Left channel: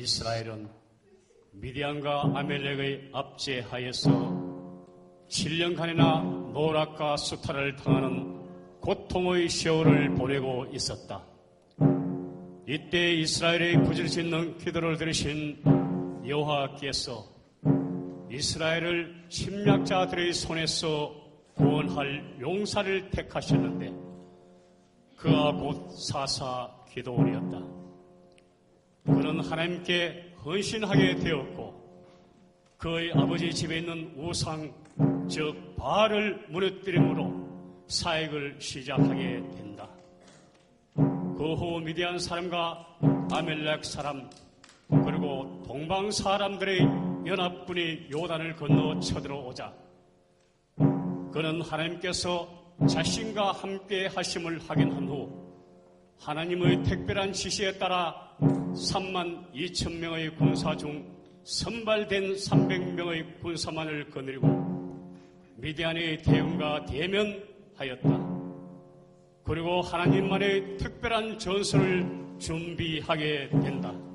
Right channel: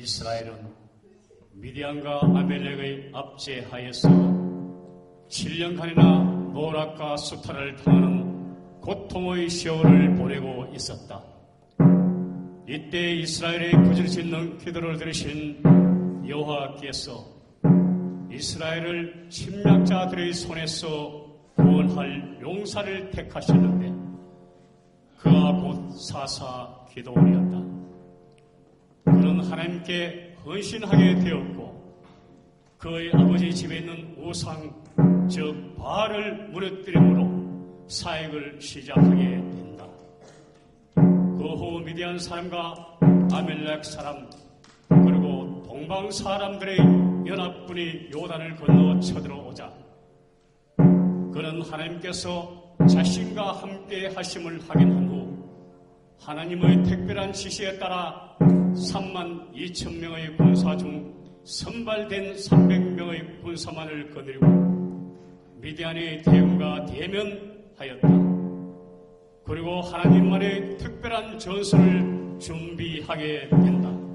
이스라엘은 미디안과 아멜렉의 압제하에서 7년간이나 노락과 수탈을 당하는 고통의 세월을 보내고 있었다. 이때 이스라엘의 부지를 짓는 기도를 들으신 여호와께서 이스라엘을 침략자들의 손에서 구원할 용사를 택하셨는데 그가 곧 사사 기도원이었다. 그는 하나님께 헌신하게 되었고 그의 아버지 집에 있는 우상 즉 바알을 무너뜨림으로 사역을 시작하게 된다. 그 후 미디안 사람과 아멜렉 사람 그리고 동방 사람들의 연합군이 요단을 건너 쳐들어오자 그는 하나님께서 자신과 함께 하심을 확인한 후 하나님의 특별한 지시에 따라 3만 2천 명의 군사 중 선발된 300명의 군사만을 거느리고 미디안의 대응과 대면하였다. 그리고 하나님만의 특별한 전설을 준비하게 된다.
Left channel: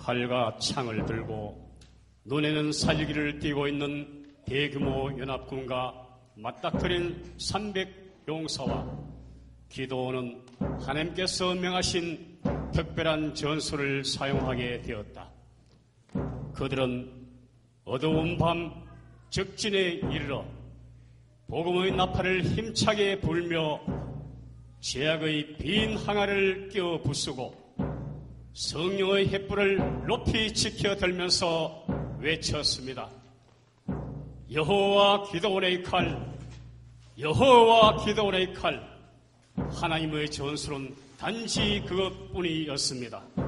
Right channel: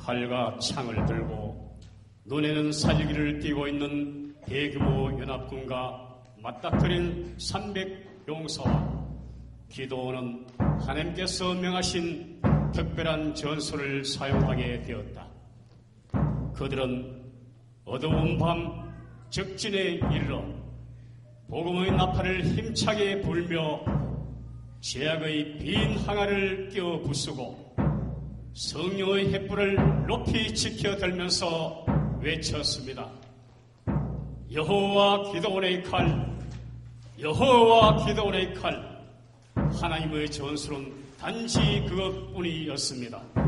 나팔과 창을 들고 눈에는 살기를 띠고 있는 대규모 연합군과 맞닥뜨린 300 용사와 기도원은 하나님께서 명하신 특별한 전술을 사용하게 되었다. 그들은 어두운 밤 적진에 이르러 복음의 나팔을 힘차게 불며 제약의 빈 항아를 끼워 부수고 성령의 횃불을 높이 지켜 들면서 외쳤습니다. 여호와 기도원의 칼, 여호와 기도원의 칼, 하나님의 전술은 단지 그것뿐이었습니다.